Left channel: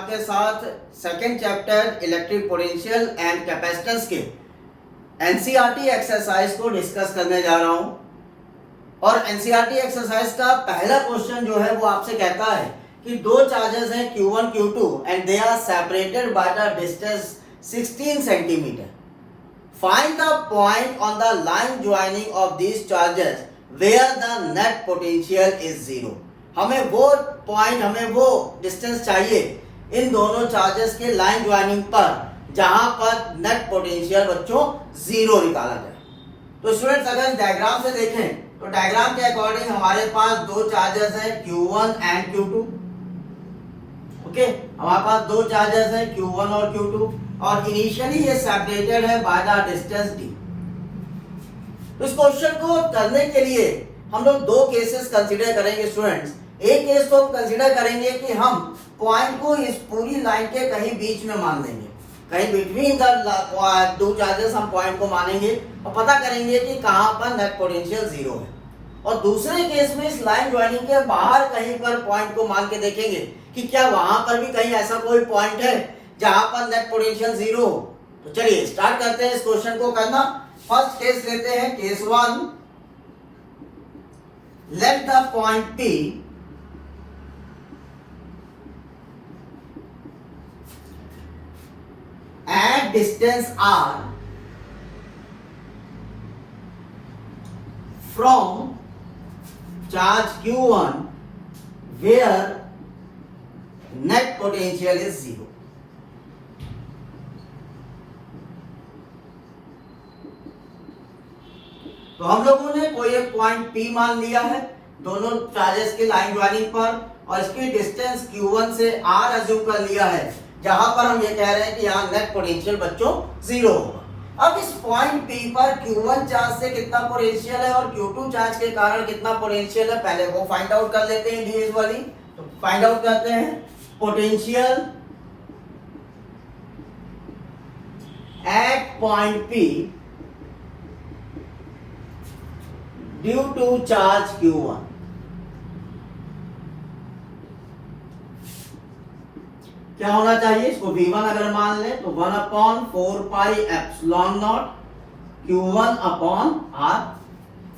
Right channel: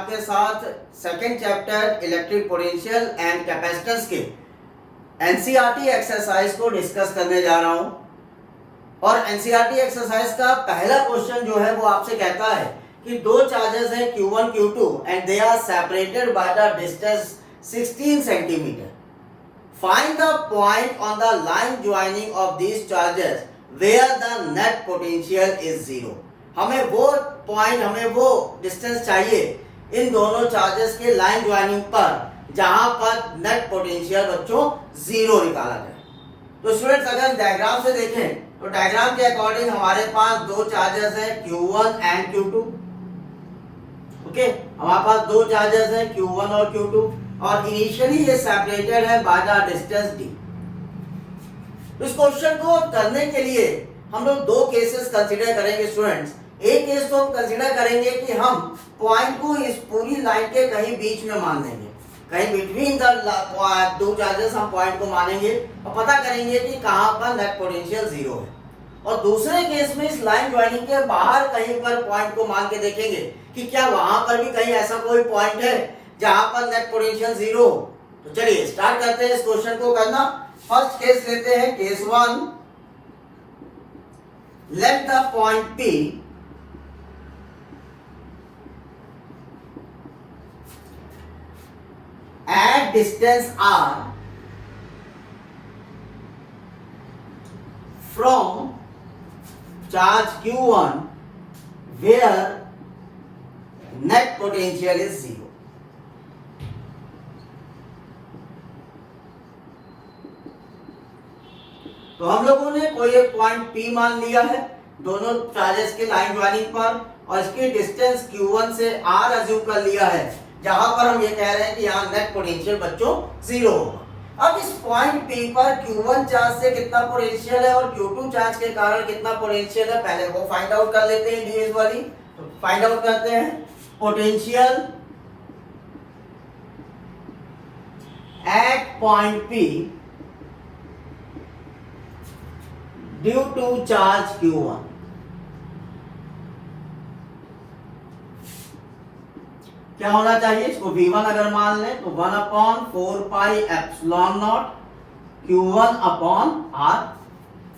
आपके साथ second chapter electric potential and capacitance के एनसीईआरटी एक्सरसाइज को डिस्कस करने जा रहा हूं। और एनसीईआरटी एक्सरसाइज का पहला क्वेश्चन जो है वो आपसे कहता है कि दो चार्जेस हैं Q1 Q2 and they are separated by the distance 16 centimetre. Find the point on the line joining of these charges where the net potential is zero. हमें वो पॉइंट, हमें वो डिस्टेंस चाहिए इन दोनों चार्जेस के लाइन ज्वाइनिंग पर जहां पर नेट पोटेंशियल बच्चों जीरो निकाला जाए। तो स्टूडेंट्स अगर डायग्राम से देखें तो डायग्राम के अकॉर्डिंग हमारे पास दो चार्जेस हैं Q1 एंड Q2। ओके, हमारे पास दो चार्जेस हैं Q1 और Q2 और इनिशियली ये सेपरेटेड है बाय द डिस्टेंस d। तो इस क्वेश्चन को करने के लिए हम लोग दो केसेस कंसीडर करेंगे स्टूडेंट्स। एक केस तो हम कंसीडर करेंगे कि हम पॉइंट को इस पूरी लाइन के कहीं बीच में मान देंगे, कहीं बिटवीन द दो चार्जेस हम पॉइंट को मानेंगे और पता करेंगे कि कहां पर नेट पोटेंशियल जीरो है। और दूसरे केस में इस लाइन ज्वाइनिंग के बाहर कहीं पर पॉइंट को मान के देखेंगे कि क्या वहां पर भी कहीं ऐसा कोई पॉइंट है जहां पर नेट पोटेंशियल जीरो हो। तो चलिए स्टार्ट करते हैं इस क्वेश्चन को करना। फर्स्ट केस लेते हैं, case 1। Let the point P at distance r from charge Q1 where net potential is zero। तो हम लोगों ने कोई एक पॉइंट P मान लिया है दोनों चार्जेस के लाइन ज्वाइनिंग पर और इसकी डिस्टेंस Q1 से R अज्यूम कर लिया है जहां पर हम ये कह रहे हैं कि यहाँ नेट पोटेंशियल बच्चों जीरो होगा। अब इस पॉइंट P पर Q1 चार्ज से कितना पोटेंशियल है और Q2 चार्ज के कारण कितना पोटेंशियल है, पहले वो फाइंड आउट कर लेते हैं इंडिविजुअली। तो फाइंड आउट करते हैं potential at point P due to charge Q1। क्या होना चाहिए, इसको V1 अगर मान ले तो 1/4 pi epsilon naught Q1 upon R,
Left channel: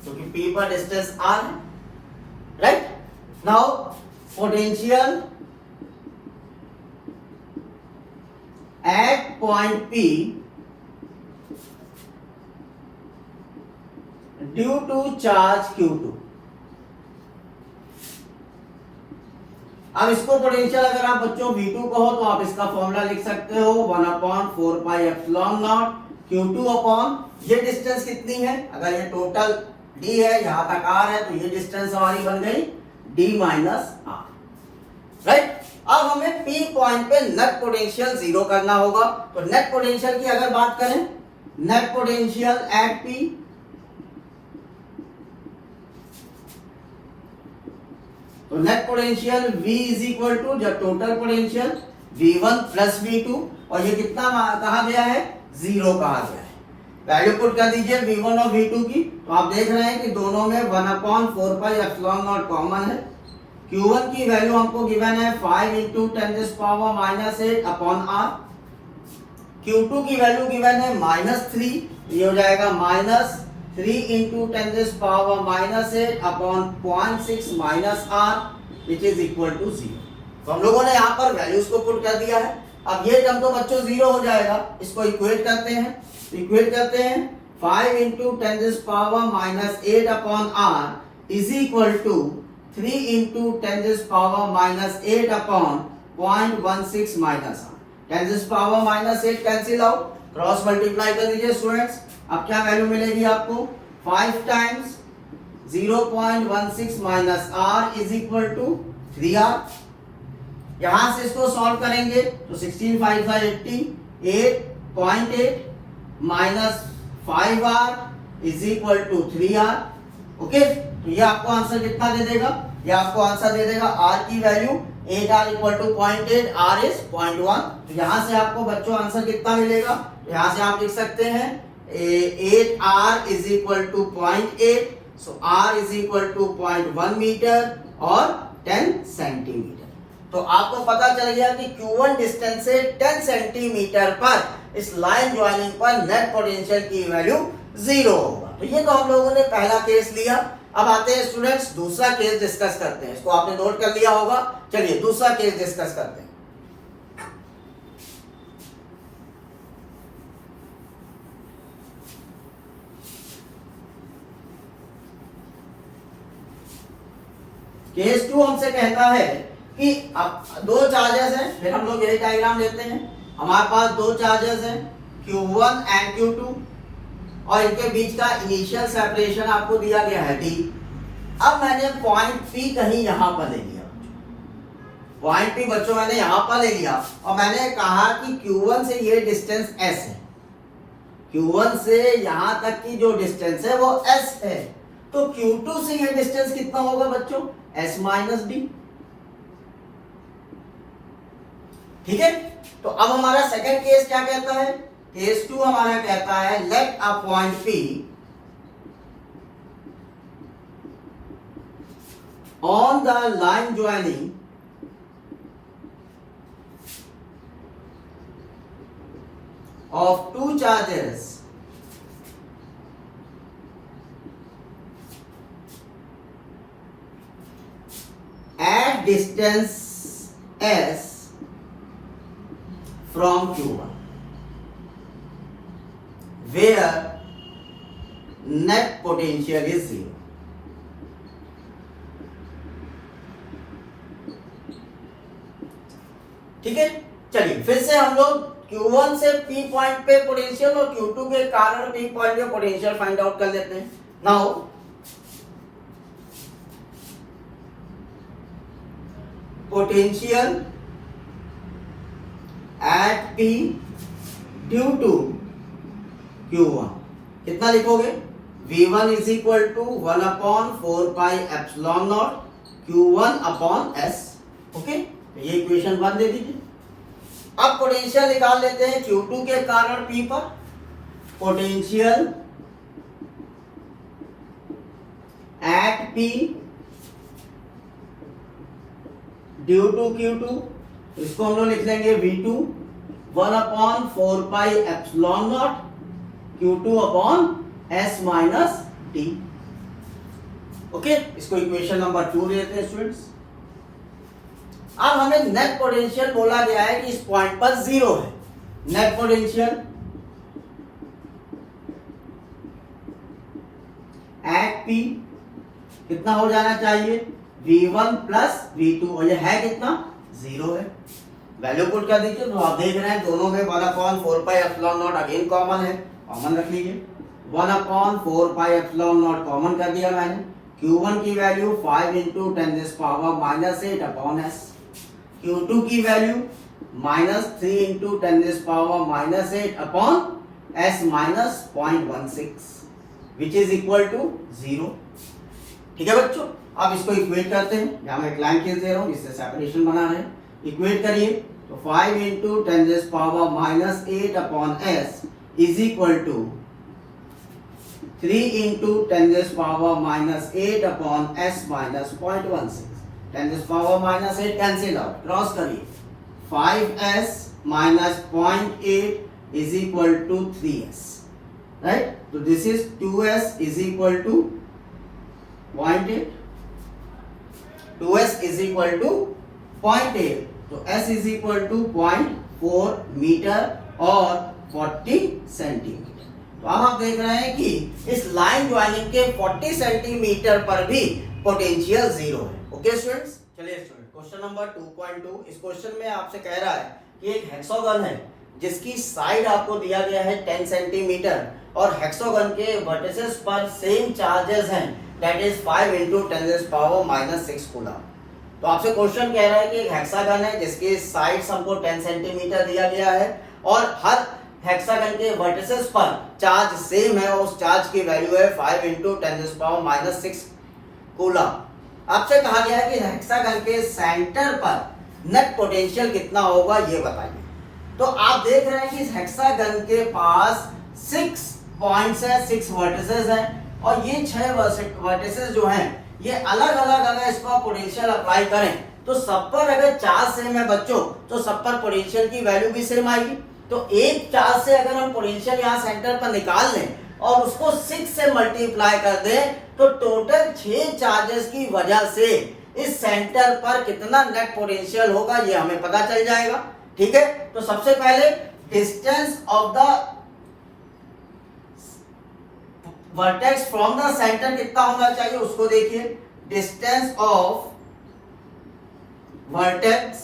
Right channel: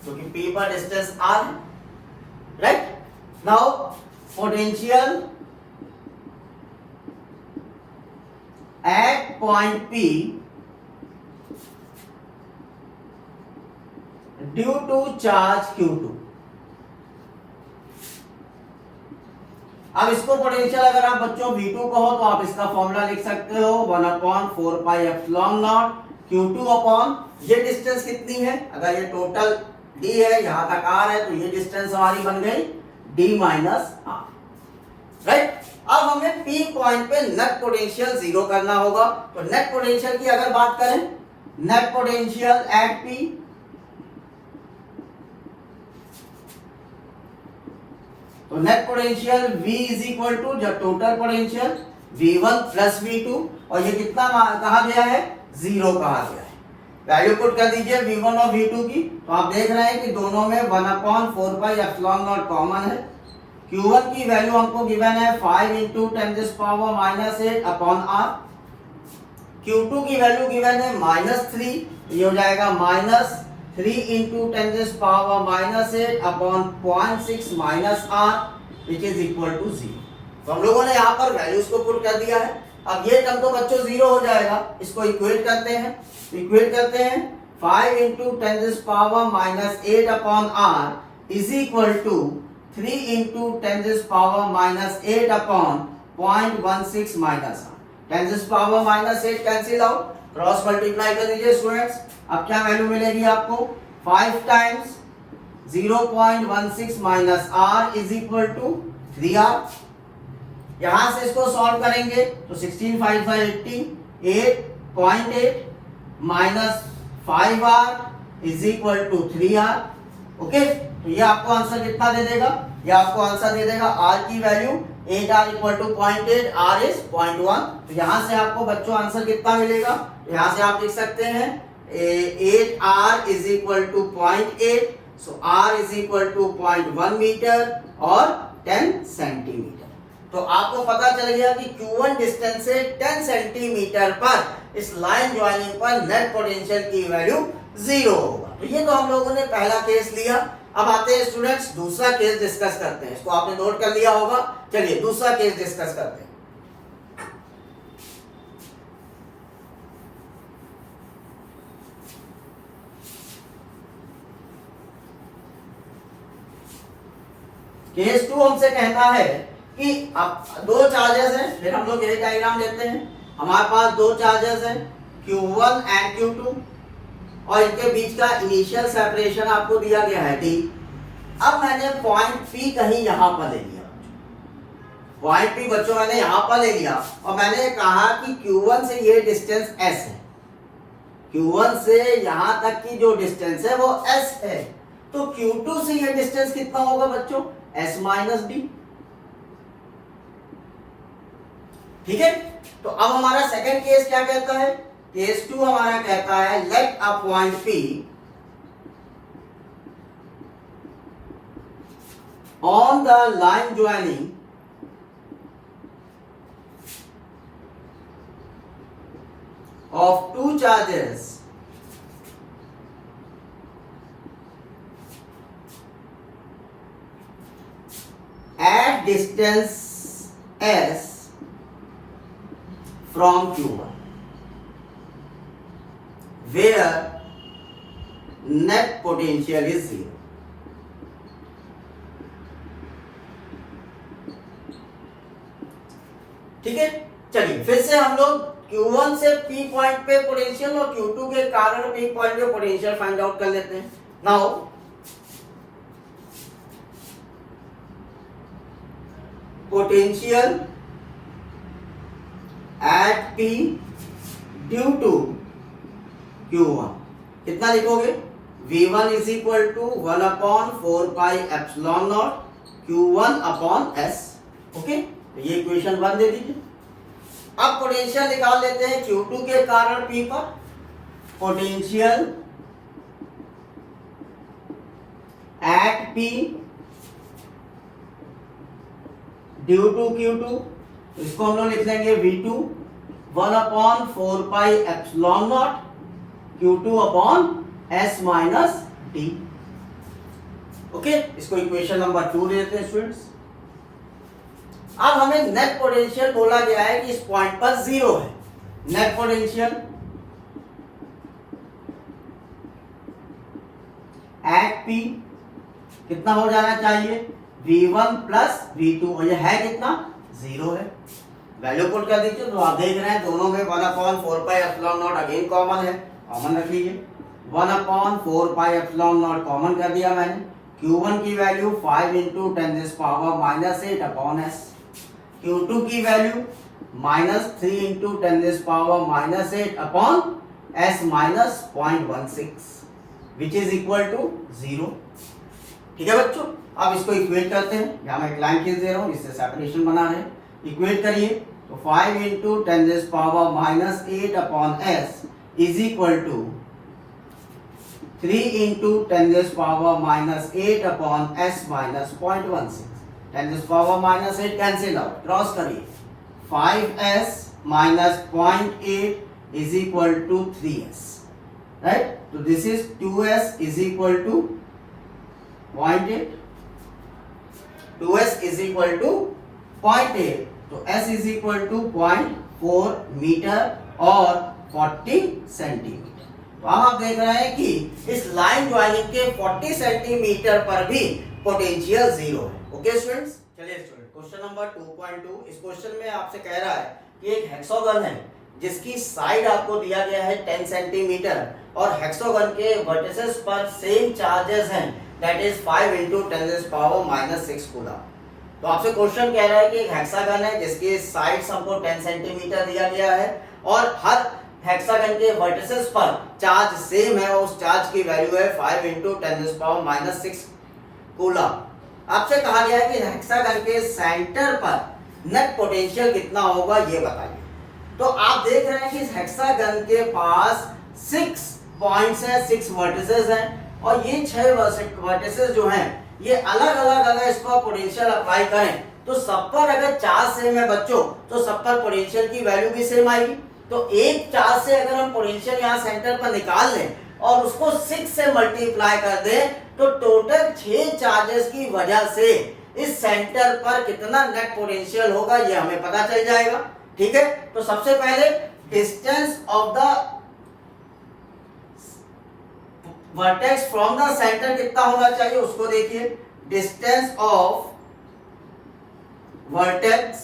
जो कि P पर डिस्टेंस R है, right. Now potential at point P due to charge Q2। अब इसको पोटेंशियल अगर आप बच्चों V2 कहो तो आप इसका फॉर्मूला लिख सकते हो 1/4 pi epsilon naught Q2 upon ये डिस्टेंस कितनी है, अगर ये टोटल D है यहां तक R है तो ये डिस्टेंस हमारी बन गई D माइनस R, राइट। अब हमें P पॉइंट पे नेट पोटेंशियल जीरो करना होगा। तो नेट पोटेंशियल की अगर बात करें, नेट पोटेंशियल एट P तो net potential V is equal to जब total potential V1 plus V2 और ये कितना कहा गया है, जीरो कहा गया है। वैल्यू पुट कर दीजिए V1 और V2 की, तो आप देख रहे हैं कि दोनों में 1/4 पाई एप्सिलॉन नॉट कॉमन है। Q1 की वैल्यू हमको गिवन है 5 × 10⁻⁻8 अपॉन R। Q2 की वैल्यू गिवन है -3, ये हो जाएगा -3 × 10⁻⁻8 upon 0.6 minus R which is equal to 0। तो हम लोगों ने यहाँ पर वैल्यूज को पुट कर दिया है। अब ये टर्म तो बच्चों जीरो हो जाएगा, इसको इक्वेट करते हैं। 5 × 10⁻⁻8 upon R is equal to 3 × 10⁻⁻8 upon 0.16 minus R। 10⁻⁻8 cancel out, cross multiply कर दीजिए स्टूडेंट्स। अब क्या वैल्यू मिलेगी आपको, 5 times 0.16 minus R is equal to 3R। यहां से इसको सॉल्व करेंगे तो 16 5 80, 8.8 minus 5R is equal to 3R। Okay, तो ये आपको आंसर कितना दे देगा, ये आपको आंसर दे देगा R की value 8R equal to 0.8, R is 0.1। तो यहां से आपको बच्चों आंसर कितना मिलेगा, यहां से आप लिख सकते हैं 8R is equal to 0.8, so R is equal to 0.1 metre और 10 सेंटीमीटर। तो आपको पता चल गया कि Q1 डिस्टेंस से 10 सेंटीमीटर पर इस लाइन ज्वाइनिंग पर नेट पोटेंशियल की वैल्यू 0 होगा। तो ये तो हम लोगों ने पहला केस लिया। अब आते हैं स्टूडेंट्स दूसरा केस डिस्कस करते हैं। इसको आपने नोट कर लिया होगा। चलिए दूसरा केस डिस्कस करते हैं। केस 2 हमसे कहता है कि अब दो चार्जेस हैं, फिर हम लोग यही डायग्राम लेते हैं। हमारे पास दो चार्जेस हैं Q1 एंड Q2 और इनके बीच का इनिशियल सेपरेशन आपको दिया गया है D। अब मैंने पॉइंट P कहीं यहां पर ले लिया, पॉइंट P बच्चों मैंने यहां पर ले लिया और मैंने कहा कि Q1 से ये डिस्टेंस S है, Q1 से यहां तक की जो डिस्टेंस है वो S है। तो Q2 से ये डिस्टेंस कितना होगा बच्चों? S minus D। ठीक है। तो अब हमारा सेकंड केस क्या कहता है? केस 2 हमारा कहता है let a point P on the line joining of two charges at distance S from Q1 where net potential is 0. ठीक है। चलिए फिर से हम लोग Q1 से P पॉइंट पे पोटेंशियल और Q2 के कारण P पॉइंट पे पोटेंशियल फाइंड आउट कर लेते हैं। Now potential at P due to Q1 कितना लिखोगे? V1 is equal to 1 upon 4 pi epsilon naught Q1 upon S। Okay, ये इक्वेशन 1 दे दीजिए। अब पोटेंशियल निकाल लेते हैं Q2 के कारण P पर। Potential at P due to Q2, इसको हम लोग लिख लेंगे V2 1 upon 4 pi epsilon naught Q2 upon S minus D। Okay, इसको इक्वेशन नंबर 2 देते हैं स्टूडेंट्स। अब हमें नेट पोटेंशियल बोला गया है कि इस पॉइंट पर 0 है। नेट पोटेंशियल एट P कितना हो जाना चाहिए? V1 प्लस V2 और ये है कितना? 0 है। वैल्यू पुट कर दीजिए। तो आप देख रहे हैं दोनों में 1 upon 4 pi epsilon naught again common है, कॉमन रख लीजिए। 1 upon 4 pi epsilon naught common कर दिया मैंने। Q1 की value 5 into 10 to the power minus 8 upon S। Q2 की value minus 3 into 10 to the power minus 8 upon S minus 0.16 which is equal to 0। ठीक है बच्चों, अब इसको इक्वेट करते हैं। यहां मैं एक लाइन खींच दे रहा हूं, इससे सेपरेशन बना रहे हैं। इक्वेट करिए तो 5 into 10 to the power minus 8 upon S is equal to 3 into 10 to the power minus 8 upon S minus 0.16। 10 to the power minus 8 cancel out, cross करिए। 5S minus 0.8 is equal to 3S, right. तो this is 2S is equal to 0.8, 2S is equal to 0.8, तो S is equal to 0.4 metre और 40 centimetre. तो आप देख रहे हैं कि इस लाइन ज्वाइनिंग के 40 सेंटीमीटर पर भी पोटेंशियल 0 है। ओके स्टूडेंट्स, चलिए स्टूडेंट क्वेश्चन नंबर 2.2। इस क्वेश्चन में आपसे कह रहा है कि एक हेक्सागन है जिसकी साइड आपको दिया गया है 10 सेंटीमीटर और हेक्सागन के वर्टिसेस पर सेम चार्जेस हैं, that is 5 into 10 to the power minus 6 coulomb. तो आपसे क्वेश्चन कह रहा है कि एक हेक्सागन है जिसके साइड्स हमको 10 सेंटीमीटर दिया गया है और हर हेक्सागन के वर्टिसेस पर चार्ज सेम है और उस चार्ज की वैल्यू है 5 into 10 to the power minus 6 coulomb. आपसे कहा गया है कि हेक्सागन के सेंटर पर नेट पोटेंशियल कितना होगा ये बताइए। तो आप देख रहे हैं कि इस हेक्सागन के पास 6 पॉइंट्स हैं, 6 वर्टिसेस हैं और ये 6 वर्टिसेस जो हैं ये अलग अलग अगर इसको पोटेंशियल अप्लाई करें तो सब पर अगर चार्ज सेम है बच्चों, तो सब पर पोटेंशियल की वैल्यू भी सेम आएगी। तो एक चार्ज से अगर हम पोटेंशियल यहाँ सेंटर पर निकाल लें और उसको 6 से मल्टीप्लाई कर दें, तो टोटल 6 चार्जेस की वजह से इस सेंटर पर कितना नेट पोटेंशियल होगा ये हमें पता चल जाएगा। ठीक है, तो सबसे पहले distance of the vertex from the centre कितना होना चाहिए उसको देखिए। Distance of vertex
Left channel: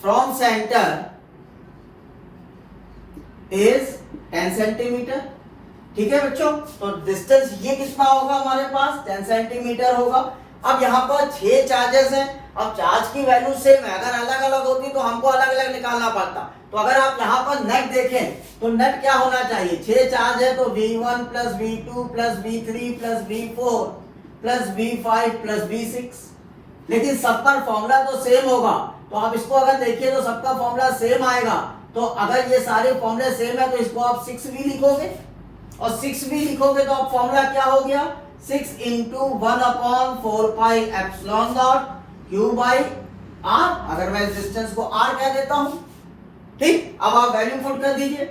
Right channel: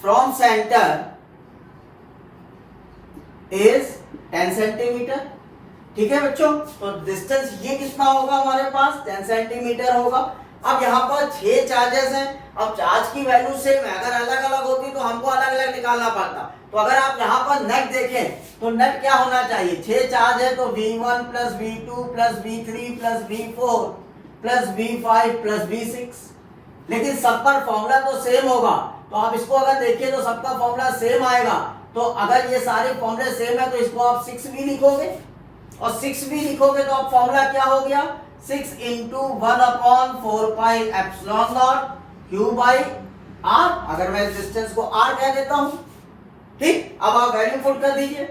from centre is 10 centimetre. ठीक है बच्चों, तो डिस्टेंस ये कितना होगा हमारे पास 10 सेंटीमीटर होगा। अब यहाँ पर 6 चार्जेस हैं, अब चार्ज की वैल्यू सेम है, अगर अलग अलग होती तो हमको अलग अलग निकालना पड़ता। तो अगर आप यहाँ पर नेट देखें तो नेट क्या होना चाहिए, 6 चार्ज है तो V1 plus V2 plus V3 plus V4 plus V5 plus V6, लेकिन सब पर फॉर्मूला तो सेम होगा। तो आप इसको अगर देखिए तो सबका फॉर्मूला सेम आएगा। तो अगर ये सारे फॉर्मूले सेम है तो इसको आप 6 भी लिखोगे, और 6 भी लिखोगे तो अब फॉर्मूला क्या हो गया, 6 into 1/4 pi epsilon naught Q by R. अगर मैं इस डिस्टेंस को आर कह देता हूं, ठीक। अब आप वैल्यू पुट कर दीजिए,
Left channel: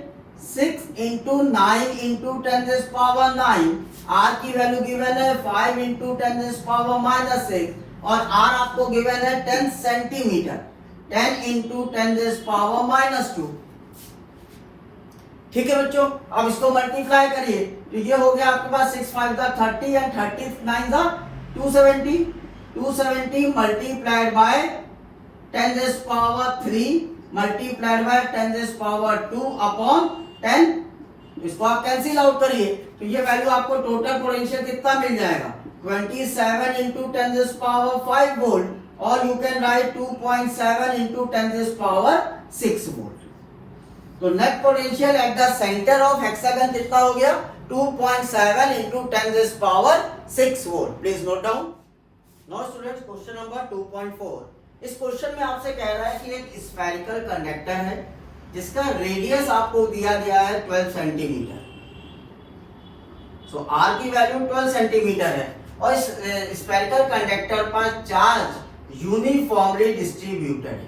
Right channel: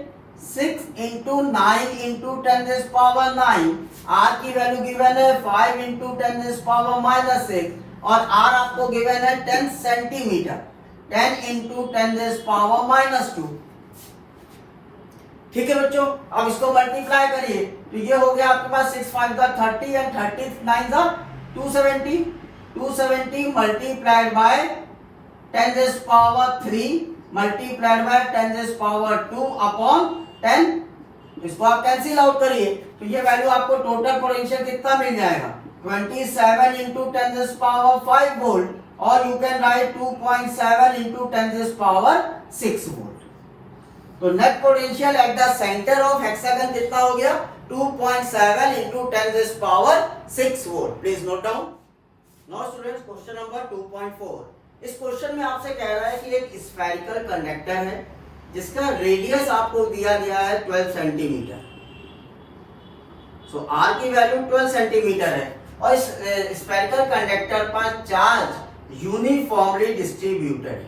6 इंटू 9 इंटू 10⁻⁹, आर की वैल्यू गिवन है 5 इंटू 10⁻⁻6, और आर आपको गिवन है 10 सेंटीमीटर, 10 इंटू 10⁻⁻2। ठीक है बच्चों, अब इसको मल्टीप्लाई करिए तो ये हो गया आपके पास 6 5 30 and 30 9 270, 270 multiplied by 10⁻³ multiplied by 10⁻² upon 10। इसको आप कैंसिल आउट करिए तो ये वैल्यू आपको टोटल पोटेंशियल कितना मिल जाएगा, 27 इंटू 10⁵ वोल्ट, और you can write 2.7 into 10⁻⁶ volt. तो net potential at the centre of hexagon कितना हो गया, 2.7 into 10⁻⁶ volt. Please note down. Now students, question number 2.4। इस क्वेश्चन में आपसे कह रहा है कि एक स्फेरिकल कंडक्टर है जिसका रेडियस आपको दिया गया है 12 सेंटीमीटर। सो आर की वैल्यू 12 सेंटीमीटर है, और इस स्फेरिकल कंडक्टर पर चार्ज यूनिफॉर्मली डिस्ट्रीब्यूटेड है।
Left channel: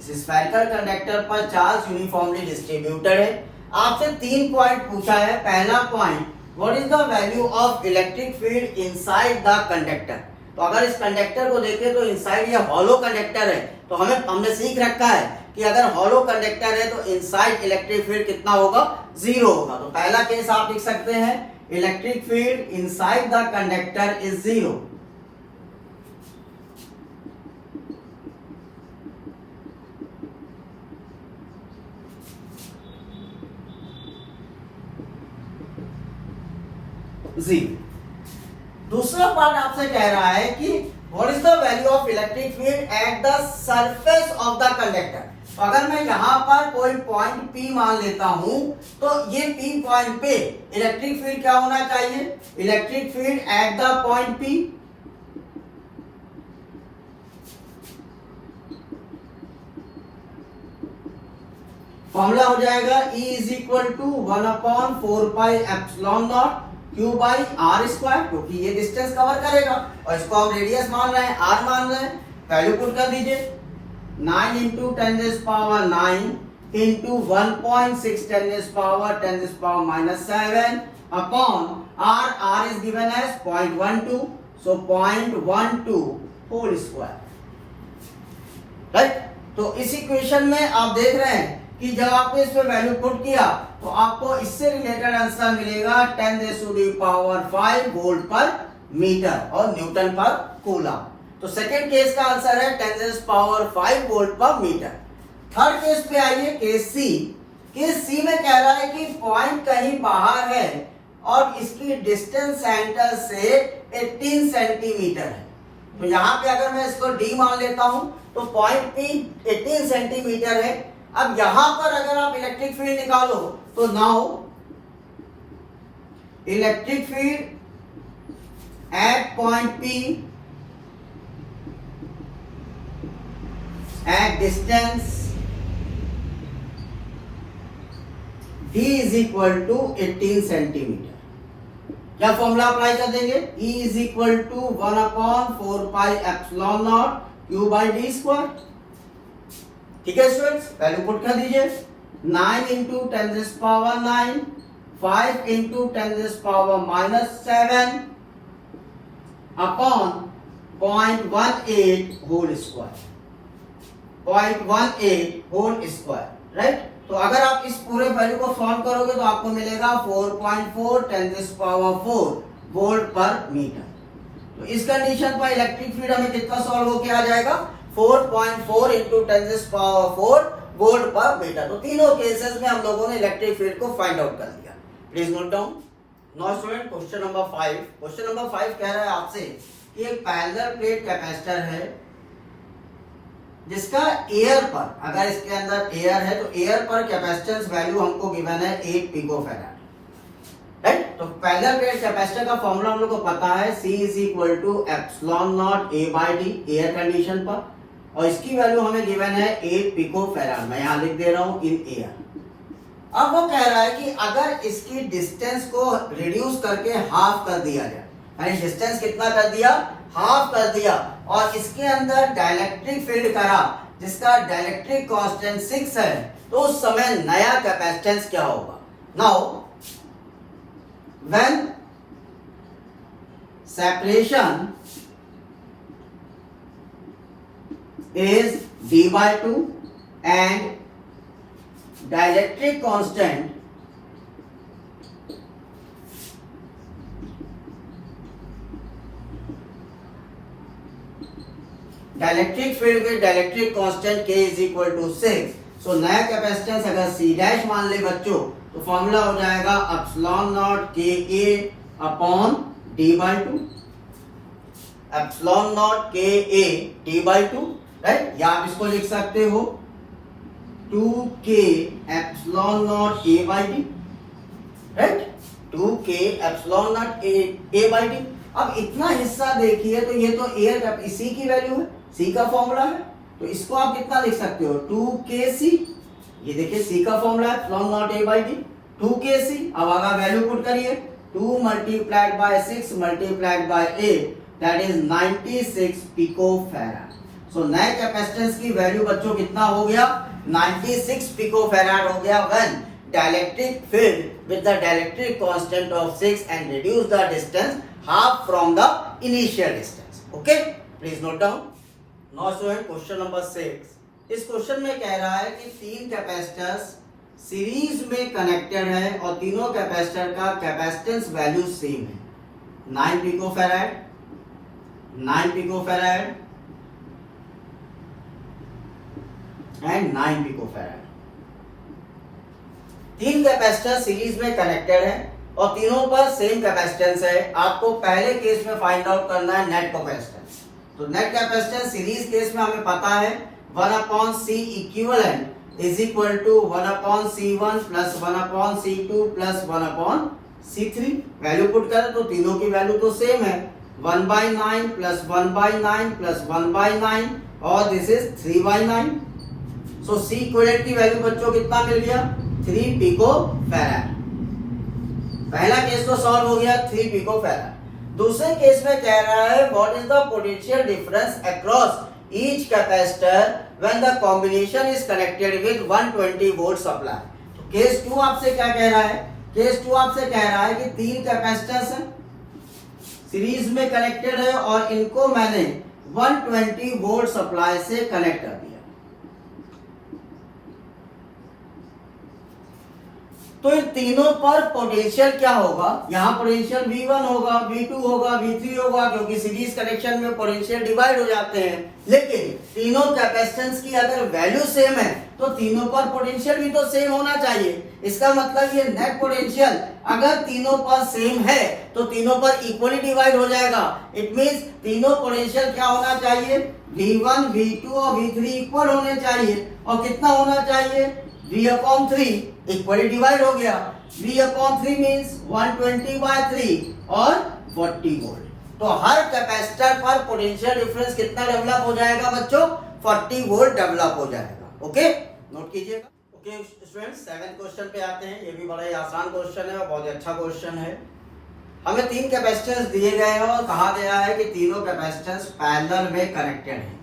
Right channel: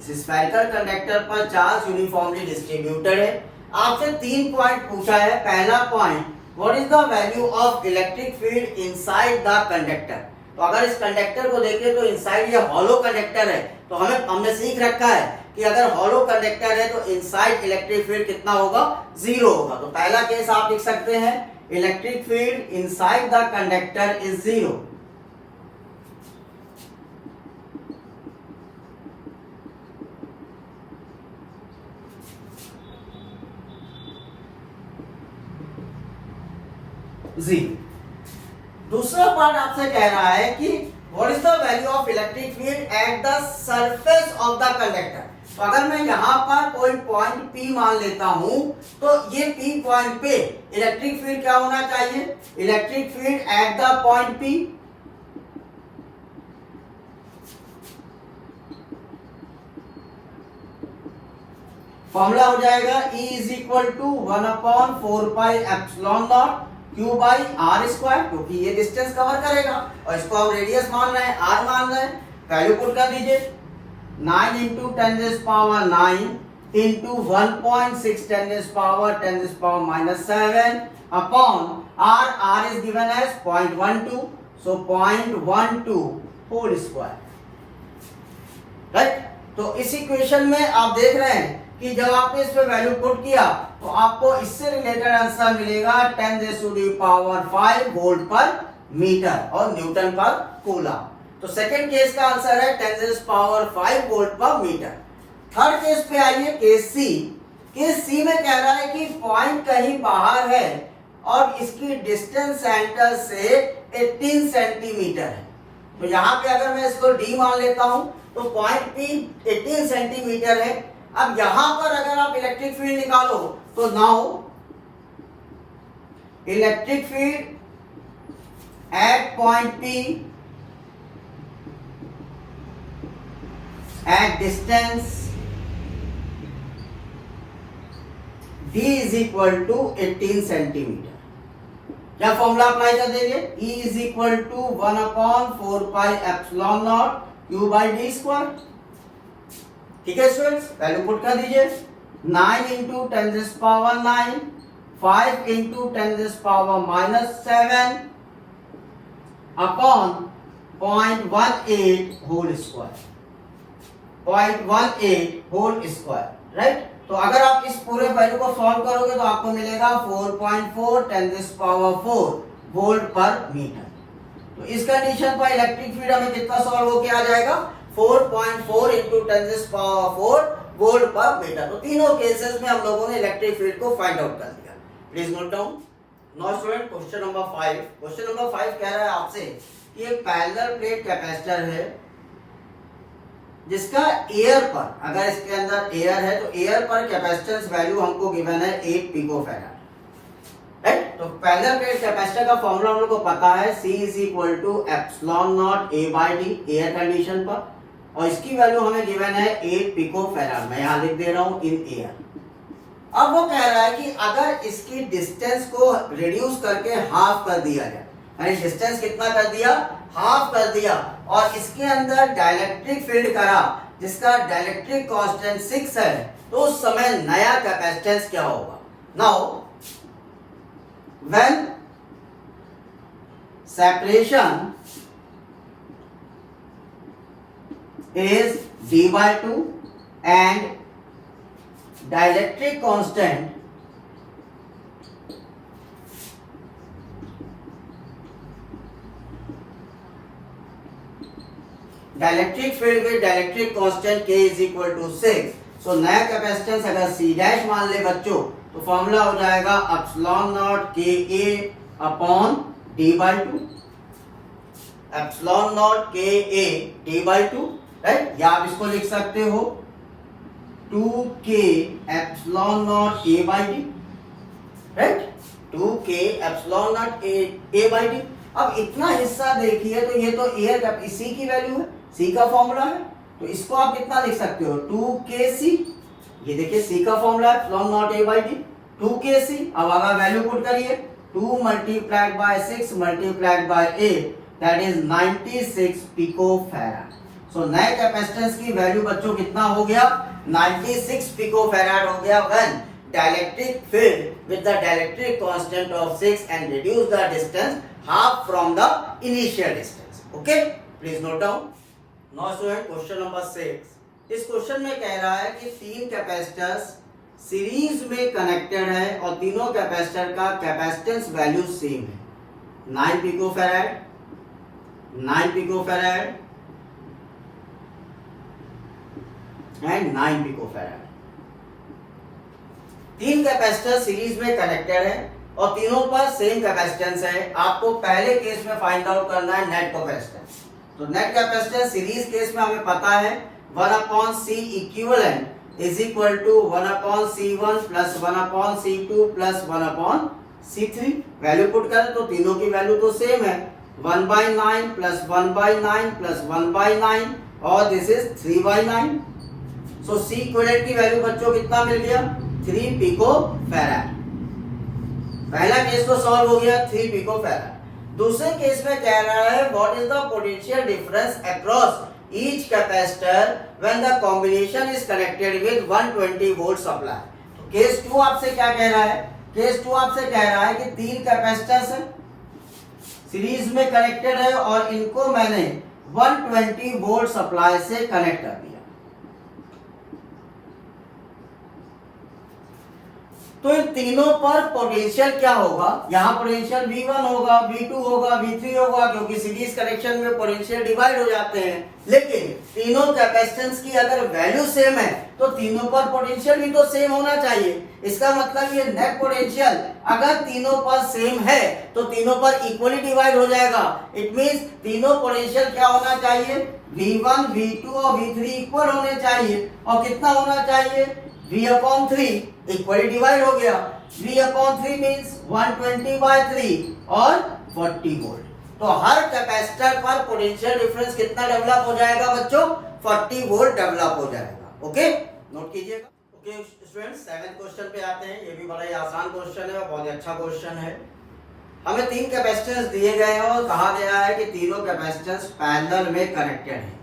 इस स्फेरिकल कंडक्टर पर चार्ज यूनिफॉर्मली डिस्ट्रीब्यूटेड है। आपसे 3 पॉइंट पूछा है। पहला point, what is the value of electric field inside the conductor. तो अगर इस कंडक्टर को देखें तो इनसाइड ये हॉलो कंडक्टर है, तो हमने सीख रखा है कि अगर हॉलो कंडक्टर है तो इनसाइड इलेक्ट्रिक फील्ड कितना होगा, 0 होगा। तो पहला केस आप लिख सकते हैं, electric field inside the conductor is 0। दूसरा पार्ट आपसे कह रहा है कि what is the value of electric field at the surface of the conductor. तो अगर मैं यहाँ पर कोई पॉइंट P मान लेता हूं तो ये P पॉइंट पे इलेक्ट्रिक फील्ड क्या होना चाहिए, electric field at the point P formula हो जाएगा E is equal to 1/4 pi epsilon naught Q by R square, क्योंकि ये डिस्टेंस कवर करेगा और इसको हम रेडियस मान रहे हैं, आर मान रहे हैं। वैल्यू पुट कर दीजिए, 9 into 10⁻⁹ into 1.6 10⁻⁻7 upon R is given as 0.12, so 0.12 whole square. Right, तो इस इक्वेशन में आप देख रहे हैं कि जब आपने इस पे वैल्यू पुट किया तो आपको इससे रिलेटेड आंसर मिलेगा 10⁵ वोल्ट पर मीटर और न्यूटन पर कूलम। तो सेकंड केस का आंसर है 10⁵ वोल्ट पर मीटर। थर्ड केस पे आइए, केस सी। केस सी में कह रहा है कि पॉइंट कहीं बाहर है और इसकी डिस्टेंस सेंटर से 18 सेंटीमीटर है। तो यहाँ पे अगर मैं इसको डी मान लेता हूं तो पॉइंट पी 18 सेंटीमीटर है। अब यहां पर अगर आप इलेक्ट्रिक फील्ड निकालो तो now electric field at point P at distance d is equal to 18 centimetre. क्या फॉर्मूला अप्लाई कर देंगे, E is equal to 1/4πε0 Q/d²। ठीक है स्टूडेंट्स, वैल्यू पुट कर दीजिए। 9 × 10⁻⁹, 5 × 10⁻⁻7 upon 0.18 whole square, 0.18 whole square, right. तो अगर आप इस पूरे वैल्यू को सॉल्व करोगे तो आपको मिलेगा 4.4 10⁴ वोल्ट पर मीटर। तो इस कंडीशन पर इलेक्ट्रिक फील्ड हमें कितना सॉल्व होके आ जाएगा, 4.4 × 10⁴ वोल्ट पर मीटर। तो तीनों केसेस में हम लोगों ने इलेक्ट्रिक फील्ड को फाइंड आउट कर लिया। Please note down. Now student, question number 5। Question number 5 कह रहा है आपसे कि एक पैरेलल प्लेट कैपेसिटर है जिसका एयर पर, अगर इसके अंदर एयर है तो एयर पर कैपेसिटेंस वैल्यू हमको गिवन है 8 पिकोफैराड, राइट। तो पैरेलल प्लेट कैपेसिटर का फॉर्मूला हम लोग को पता है, C is equal to ε0 A/d air condition पर, और इसकी वैल्यू हमें गिवन है 8 पिकोफैराड। मैं यहाँ लिख दे रहा हूँ इन एयर। अब वो कह रहा है कि अगर इसकी डिस्टेंस को रिड्यूस करके हाफ कर दिया जाए, यानी डिस्टेंस कितना कर दिया, हाफ कर दिया, और इसके अंदर डाइलेक्ट्रिक फील्ड करा जिसका डाइलेक्ट्रिक कांस्टेंट 6 है, तो उस समय नया कैपेसिटेंस क्या होगा। Now when separation is d/2 and dielectric constant dielectric field with dielectric constant K is equal to 6। So नया कैपेसिटेंस अगर C' मान ले बच्चों तो फॉर्मूला हो जाएगा ε0 Ka upon d/2, ε0 Ka d/2, right. या आप इसको लिख सकते हो 2K ε0 A/d, right, 2K ε0 A/d। अब इतना हिस्सा देखिए तो ये तो एयर सी की वैल्यू है, सी का फॉर्मूला है, तो इसको आप कितना लिख सकते हो 2Kc। ये देखिए सी का फॉर्मूला है ε0 A/d 2Kc। अब अगर वैल्यू पुट करिए 2 multiplied by 6 multiplied by 8 that is 96 picofarad. सो नए कैपेसिटेंस की वैल्यू बच्चों कितना हो गया, 96 पिकोफैराड हो गया when dielectric field with the dielectric constant of 6 and reduce the distance half from the initial distance. Okay, please note down. Now student, question number 6. इस question में कह रहा है कि तीन कैपेसिटर्स सीरीज में कनेक्टेड है और तीनों कैपेसिटर का कैपेसिटेंस वैल्यू सेम है, 9 पिकोफैराड, 9 पिकोफैराड एंड 9 पिकोफैराड। तीन कैपेसिटर सीरीज में कनेक्टेड है और तीनों पर सेम कैपेसिटेंस है। आपको पहले केस में फाइंड आउट करना है नेट कैपेसिटेंस। तो नेट कैपेसिटेंस सीरीज केस में हमें पता है 1/C equivalent is equal to 1/C1 plus 1/C2 plus 1/C3। Value put करें तो तीनों की वैल्यू तो सेम है, 1/9 प्लस 1/9 प्लस 1/9 और this is 3/9। So C equivalent की वैल्यू बच्चों कितना मिल गया, 3 पिकोफैराड। पहला केस तो सॉल्व हो गया, 3 पिकोफैराड। दूसरे केस में कह रहा है what is the potential difference across each capacitor when the combination is connected with 120 volt supply. तो केस 2 आपसे क्या कह रहा है, केस 2 आपसे कह रहा है कि तीन कैपेसिटर्स हैं सीरीज में कनेक्टेड है और इनको मैंने 120 वोल्ट सप्लाई से कनेक्ट कर दिया। तो इन तीनों पर पोटेंशियल क्या होगा, यहाँ पोटेंशियल V1 होगा, V2 होगा, V3 होगा, क्योंकि सीरीज कनेक्शन में पोटेंशियल डिवाइड हो जाते हैं। लेकिन तीनों कैपेसिटेंस की अगर वैल्यू सेम है तो तीनों पर पोटेंशियल भी तो सेम होना चाहिए। इसका मतलब ये नेट पोटेंशियल अगर तीनों पर सेम है तो तीनों पर इक्वली डिवाइड हो जाएगा। इट मींस तीनों पोटेंशियल क्या होना चाहिए, V1, V2 और V3 इक्वल होने चाहिए। और कितना होना चाहिए, V/3 इक्वली डिवाइड हो गया। V/3 मींस 120/3 और 40 वोल्ट। तो हर कैपेसिटर पर पोटेंशियल डिफरेंस कितना डेवलप हो जाएगा बच्चों, 40 वोल्ट डेवलप हो जाएगा। ओके, नोट कीजिएगा। ओके स्टूडेंट्स, 7th क्वेश्चन पे आते हैं। ये भी बड़ा ही आसान क्वेश्चन है और बहुत ही अच्छा क्वेश्चन है। हमें 3 कैपेसिटेंस दिए गए हैं और कहा गया है कि तीनों कैपेसिटेंस पैरेलल में कनेक्टेड हैं।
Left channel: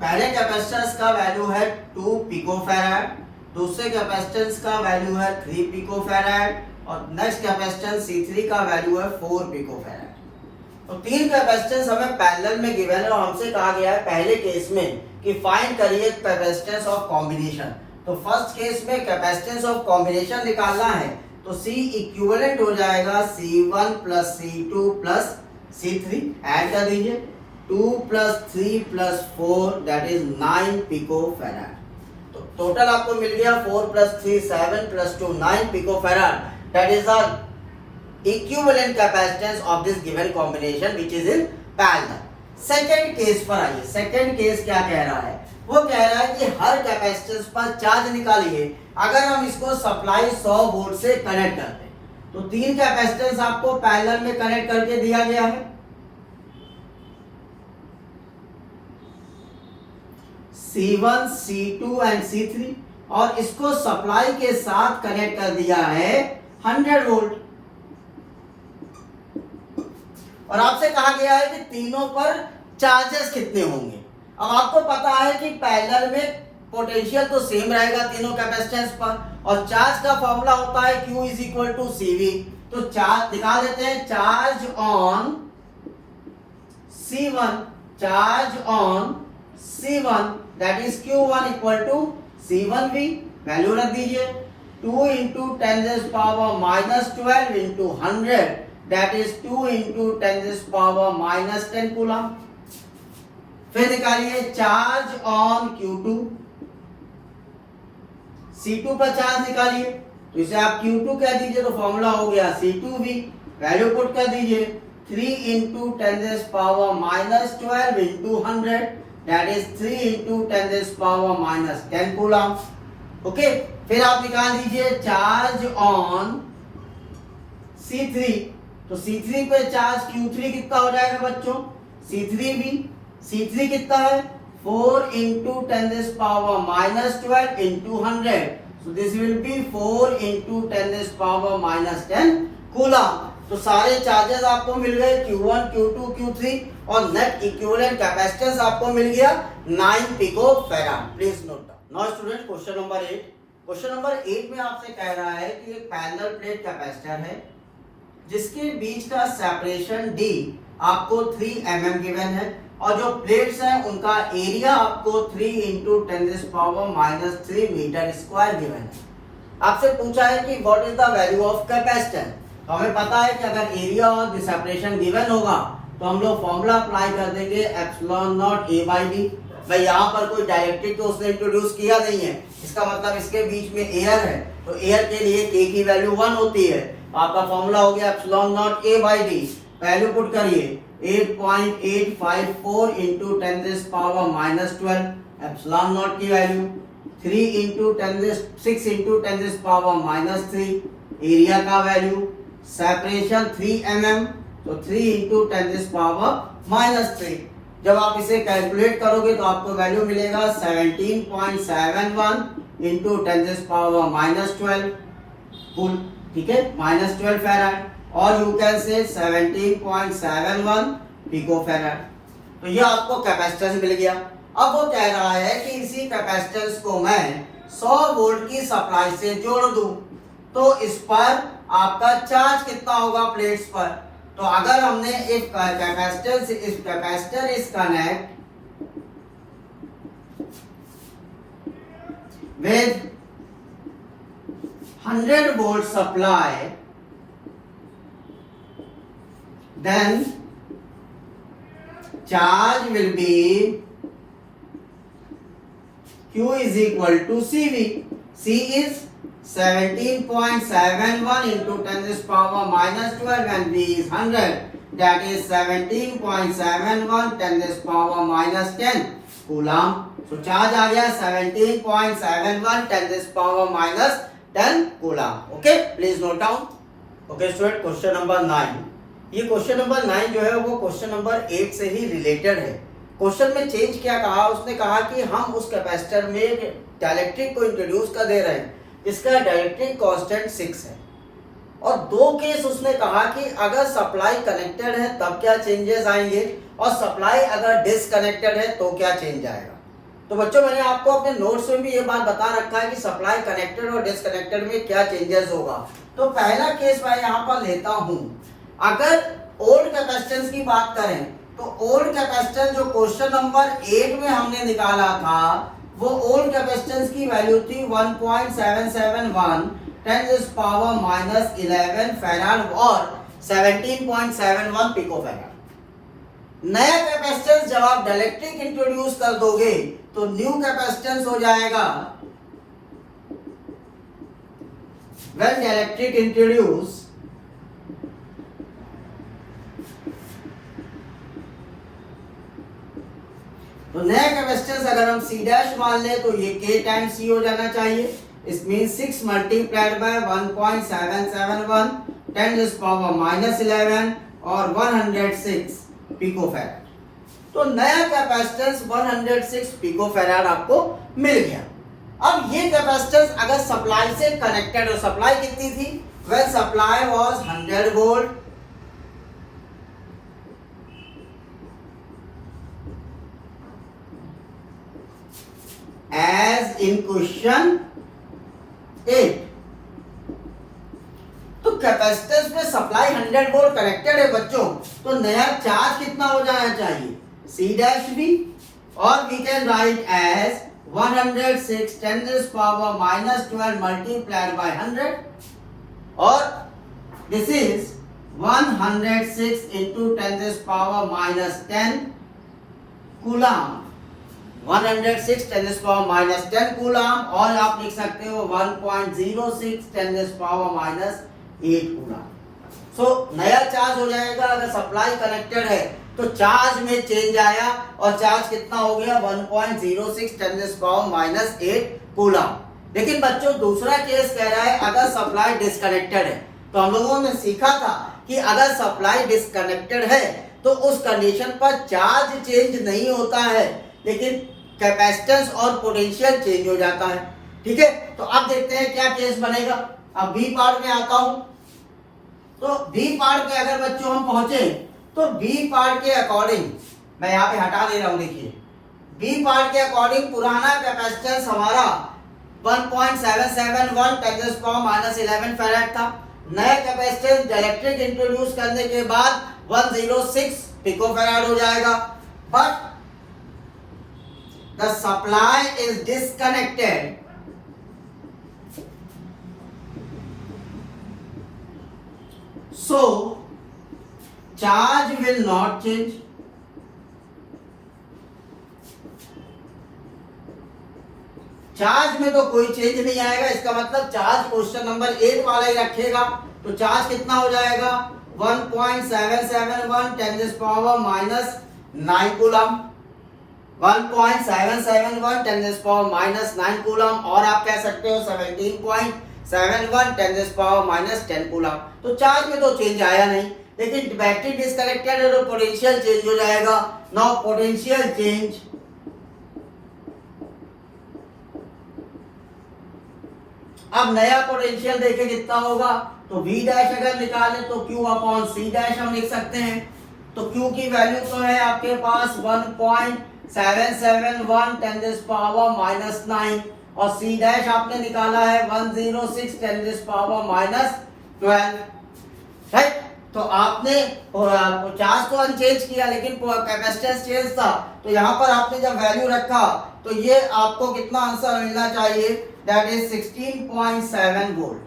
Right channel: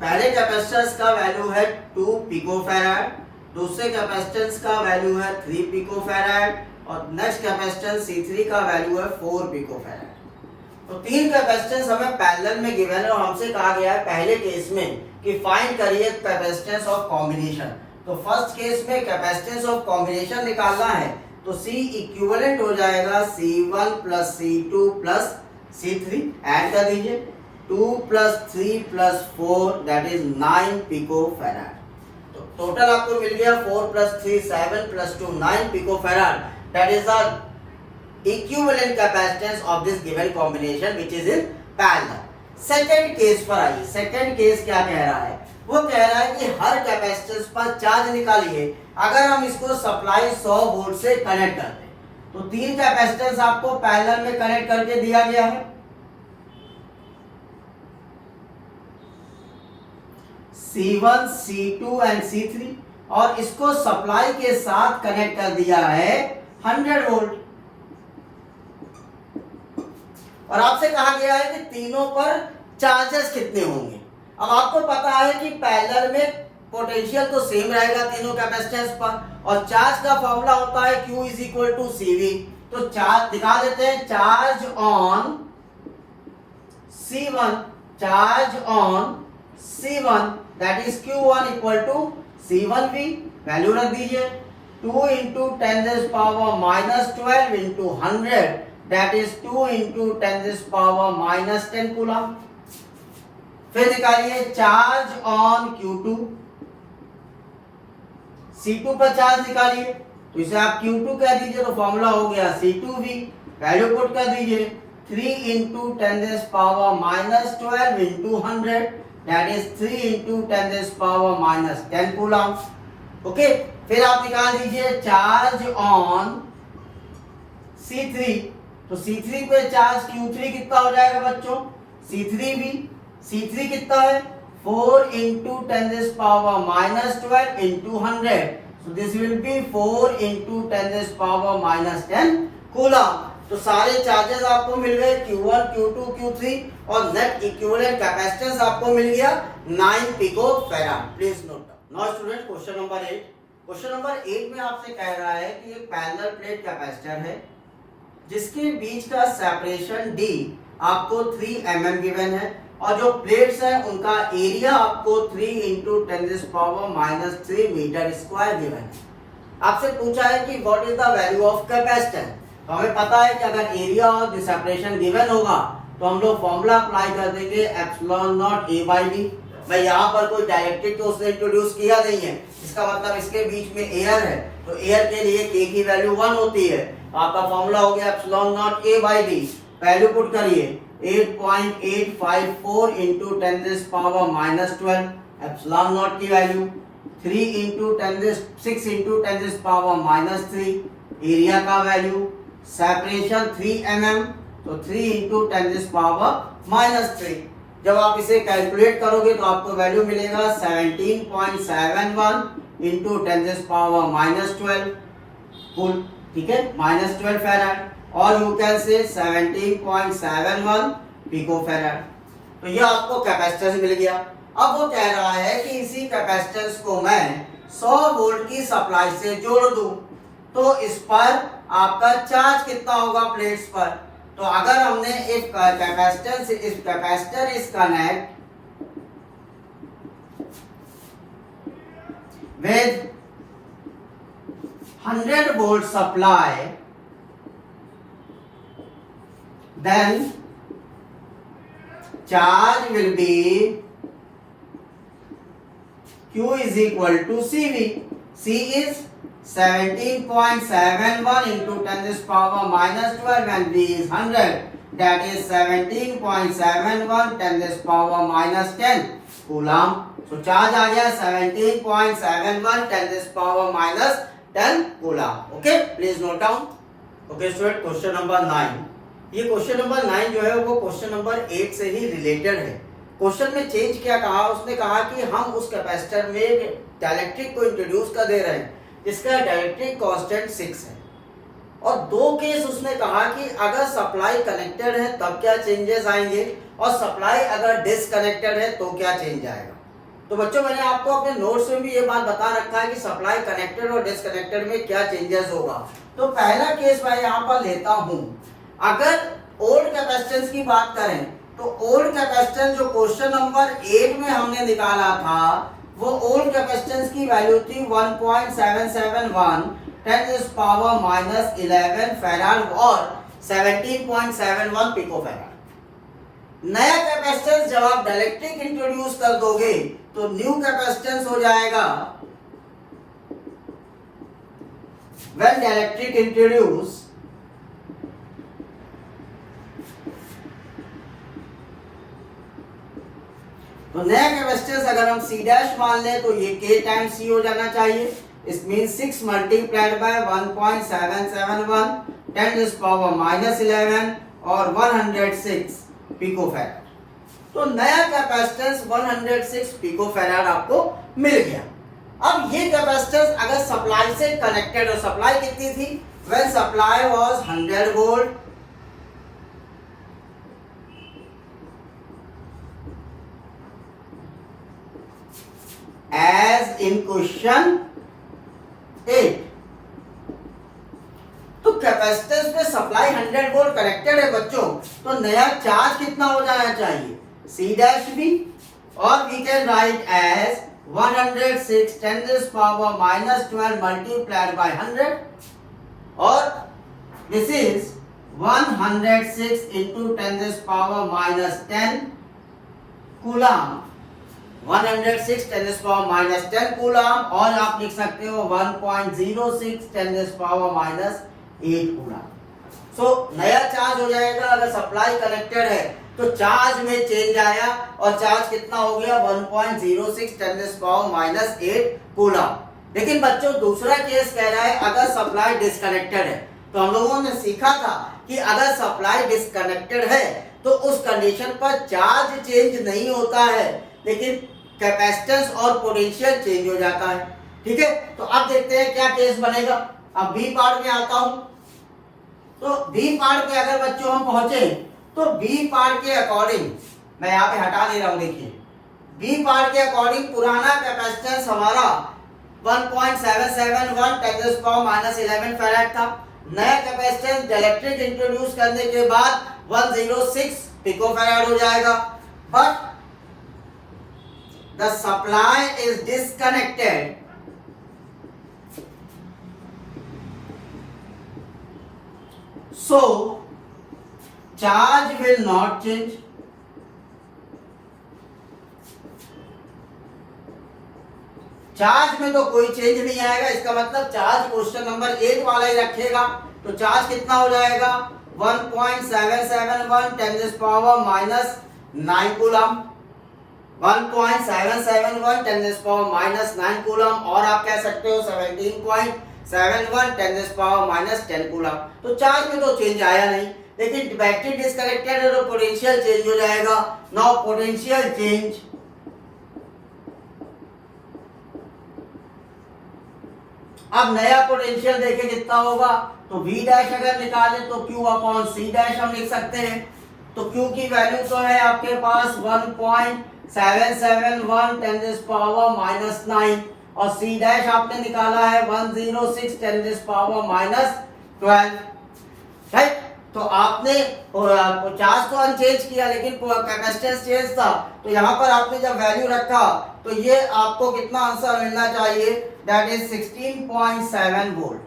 पहले कैपेसिटेंस का वैल्यू है 2 पिकोफैराड, दूसरे कैपेसिटेंस का वैल्यू है 3 पिकोफैराड और नेक्स्ट कैपेसिटेंस C3 का वैल्यू है 4 पिकोफैराड। तो 3 कैपेसिटेंस हमें पैरेलल में गिवन है और हमसे कहा गया है पहले केस में कि फाइंड करिए कैपेसिटेंस ऑफ कॉम्बिनेशन। तो फर्स्ट केस में कैपेसिटेंस ऑफ कॉम्बिनेशन निकालना है तो C इक्विवेलेंट हो जाएगा C1 plus C2 plus C3, add कर दीजिए 2 plus 3 plus 4 that is 9 picofarad. तो टोटल आपको मिल गया 4 plus 3 7 plus 2 9 picofarad, that is the equivalent capacitance of this given combination which is in parallel। Second case पर आइए। Second case क्या कह रहा है? वो कह रहा है कि हर कैपेसिटेंस पर चार्ज निकालिए अगर हम इसको सप्लाई 100 वोल्ट से कनेक्ट करते हैं। तो 3 कैपेसिटेंस आपको पैरेलल में कनेक्ट करके दिया गया है। C1, C2 एंड C3 और इसको सप्लाई के साथ कनेक्ट कर दिया है 100 वोल्ट और आपसे कहा गया है कि तीनों पर चार्जेस कितने होंगे। अब आपको पता है कि पैरेलल में पोटेंशियल तो सेम रहेगा तीनों कैपेसिटेंस पर और चार्ज का फॉर्मूला होता है Q is equal to CV। तो चार्ज दिखा देते हैं, charge on C1, charge on C1 that is Q1 equal to C1V, value रख दीजिए 2 into 10 power minus 12 into 100 that is 2 into 10 power minus 10 coulomb. फिर निकालिए चार्ज ऑन Q2, C2 पर charge निकालिए तो इसे आप Q2 कह दीजिए तो फॉर्मूला हो गया C2V, वैल्यू पुट कर दीजिए 3 into 10 power minus 12 into 100 that is 3 into 10 power minus 10 coulomb. Okay, फिर आप निकाल दीजिए चार्ज ऑन C3, तो C3 पे चार्ज Q3 कितना हो जाएगा बच्चों? C3V, C3 कितना है 4 into 10 power minus 12 into 100, so this will be 4 into 10 power minus 10 coulomb. तो सारे चार्जेस आपको मिल गए Q1, Q2, Q3 और नेट इक्विवेलेंट कैपेसिटेंस आपको मिल गया 9 picofarad. Please note down. Now student question number 8। Question number 8 में आपसे कह रहा है कि एक पैरेलल प्लेट कैपेसिटर है जिसके बीच का सेपरेशन D आपको 3 mm गिवन है और जो प्लेट्स हैं उनका एरिया आपको 3 into 10 power minus 3 metre square given है। आपसे पूछा है कि what is the value of capacitance. तो हमें पता है कि अगर एरिया और सेपरेशन गिवन होगा तो हम लोग फॉर्मूला अप्लाई कर देंगे epsilon naught A by D। भाई यहाँ पर कोई डायरेक्टेड तो उसने इंट्रोड्यूस किया नहीं है, इसका मतलब इसके बीच में एयर है तो एयर के लिए K की वैल्यू 1 होती है। आपका फॉर्मूला हो गया epsilon naught A by D, value put करिए 8.854 into 10 power minus 12, epsilon naught की value 6 into 10 power minus 3, area का वैल्यू सेपरेशन 3 mm तो 3 इंटू 10 पावर माइनस 3। जब आप इसे कैलकुलेट करोगे तो आपको वैल्यू मिलेगा 17.71 इंटू 10 पावर माइनस 12 कुल, ठीक है, माइनस 12 फैराड और यू कैन से 17.71 पिकोफैराड। तो ये आपको कैपेसिटेंस मिल गया। अब वो कह रहा है कि इसी कैपेसिटेंस को मैं 100 वोल्ट की सप्लाई से जोड़ दूं तो इस पर आपका चार्ज कितना होगा प्लेट्स पर। तो अगर हमने एक कैपेसिटर इस connect with 100 volt supply, then charge will be Q is equal to CV. C is 17.71 into 10 power minus 12 and V is 100. That is 17.71 10 power minus 10 coulomb. So charge आ गया 17.71 10 power minus 10 coulomb. Okay, please note down. Okay student, question number 9। ये question number 9 जो है वो question number 8 से ही related है। Question में change क्या कहा, उसने कहा कि हम उस कैपेसिटर में डाइलेक्ट्रिक को इंट्रोड्यूस कर दे रहे हैं जिसका डाइलेक्ट्रिक कांस्टेंट 6 है। और दो केस उसने कहा कि अगर सप्लाई कनेक्टेड है तब क्या चेंजेस आएंगे और सप्लाई अगर डिसकनेक्टेड है तो क्या चेंज आएगा। तो बच्चों मैंने आपको अपने नोट्स में भी ये बात बता रखा है कि सप्लाई कनेक्टेड और डिसकनेक्टेड में क्या चेंजेस होगा। तो पहला केस मैं यहाँ पर लेता हूँ, अगर ओल्ड कैपेसिटेंस की बात करें तो ओल्ड कैपेसिटेंस जो क्वेश्चन नंबर 8 में हमने निकाला था वो ओल्ड कैपेसिटेंस की वैल्यू थी 1.771 10⁻⁻11 फैराड और 17.71 पिकोफैराड। नया कैपेसिटेंस जब आप डाइलेक्ट्रिक इंट्रोड्यूस कर दोगे तो न्यू कैपेसिटेंस हो जाएगा व्हेन डाइलेक्ट्रिक इंट्रोड्यूस तो नया कैपेसिटेंस अगर हम C डैश मान ले तो ये K टाइम C हो जाना चाहिए। इस मीन 6 मल्टीप्लाइड बाय 1.771 10⁻⁻11 और 106 पिकोफैराड। तो नया कैपेसिटेंस 106 पिकोफैराड आपको मिल गया। अब ये कैपेसिटेंस अगर सप्लाई से कनेक्टेड हो, सप्लाई कितनी थी, when supply was 100 volt as in question 8। तो कैपेसिटेंस में सप्लाई 100 वोल्ट कनेक्टेड है बच्चों, तो नया चार्ज कितना हो जाना चाहिए, C डैश भी, और we can write as 106 10⁻⁻12 multiplied by 100 और this is 106 into 10⁻⁻10 coulomb, 106 10⁻⁻10 coulomb, और आप लिख सकते हो 1.06 10⁻⁻8 कूलम। सो नया चार्ज हो जाएगा अगर सप्लाई कनेक्टेड है तो चार्ज में चेंज आया और चार्ज कितना हो गया 1.06 10⁻⁻8 कूलम। लेकिन बच्चों दूसरा केस कह रहा है अगर सप्लाई डिस्कनेक्टेड है। तो हम लोगों ने सीखा था कि अगर सप्लाई डिस्कनेक्टेड है तो उस कंडीशन पर चार्ज चेंज नहीं होता है लेकिन कैपेसिटेंस और पोटेंशियल चेंज हो जाता है। ठीक है, तो अब देखते हैं क्या केस बनेगा। अब बी पार्ट में आता हूं। तो बी पार्ट में अगर बच्चों हम पहुंचे तो बी पार्ट के अकॉर्डिंग मैं यहाँ पे हटा दे रहा हूं, देखिए बी पार्ट के अकॉर्डिंग पुराना कैपेसिटेंस हमारा 1.771 10⁻⁻11 फैराड था। नया कैपेसिटेंस डाइलेक्ट्रिक इंट्रोड्यूस करने के बाद 106 पिकोफैराड हो जाएगा। But the supply is disconnected, so charge will not change। Charge में तो कोई चेंज नहीं आएगा, इसका मतलब चार्ज क्वेश्चन नंबर 8 वाला ही रखेगा। तो चार्ज कितना हो जाएगा 1.771 10⁻⁻9 कूलम, 1.771 10⁻⁻9 कूलम, और आप कह सकते हो 17.71 10⁻⁻10 कूलम। तो चार्ज में तो चेंज आया नहीं, लेकिन बैटरी डिस्कनेक्टेड है तो पोटेंशियल चेंज हो जाएगा। नाउ पोटेंशियल चेंज, अब नया पोटेंशियल देखे कितना होगा, तो V डैश अगर निकाले तो Q अपॉन C डैश हम लिख सकते हैं। तो Q की वैल्यू तो है आपके पास 1.771 10⁻⁻9 और C डैश आपने निकाला है 106 10⁻⁻12। राइट, तो आपने चार्ज तो अनचेंज किया लेकिन कैपेसिटेंस चेंज था। तो यहाँ पर आपने जब वैल्यू रखा तो ये आपको कितना आंसर मिलना चाहिए, दैट इज 16.7 वोल्ट,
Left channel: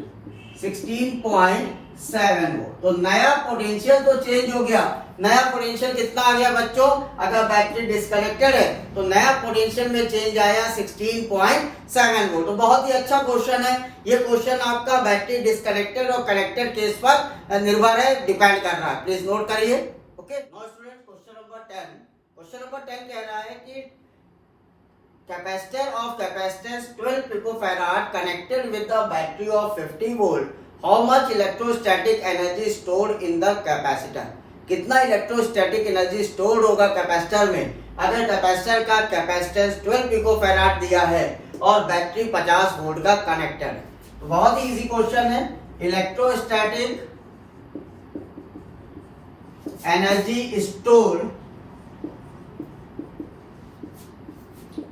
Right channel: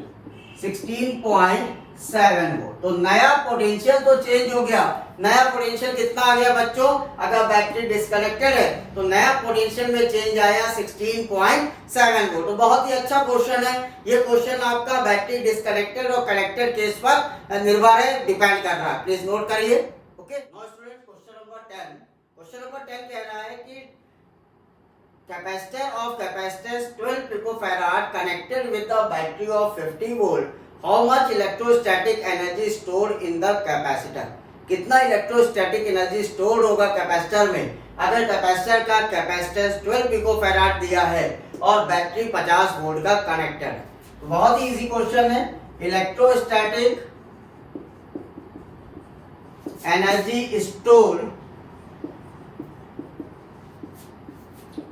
16.7 वोल्ट। तो नया पोटेंशियल तो चेंज हो गया। नया पोटेंशियल कितना आ गया बच्चों, अगर बैटरी डिस्कनेक्टेड है तो नया पोटेंशियल में चेंज आया 16.7 वोल्ट। तो बहुत ही अच्छा क्वेश्चन है ये। क्वेश्चन आपका बैटरी डिस्कनेक्टेड और कनेक्टेड केस पर निर्भर है, डिपेंड कर रहा है। प्लीज नोट करिए। Okay, now student question number 10। Question number 10 कह रहा है कि capacitor of capacitance 12 picofarad connected with the battery of 50 volt, how much electrostatic energy stored in the capacitor. कितना इलेक्ट्रोस्टैटिक एनर्जी स्टोर्ड होगा कैपेसिटर में अगर capacitor का कैपेसिटेंस 12 पिकोफैराड दिया है और बैटरी 50 वोल्ट का कनेक्टेड है। बहुत ही इजी क्वेश्चन है। Electrostatic energy store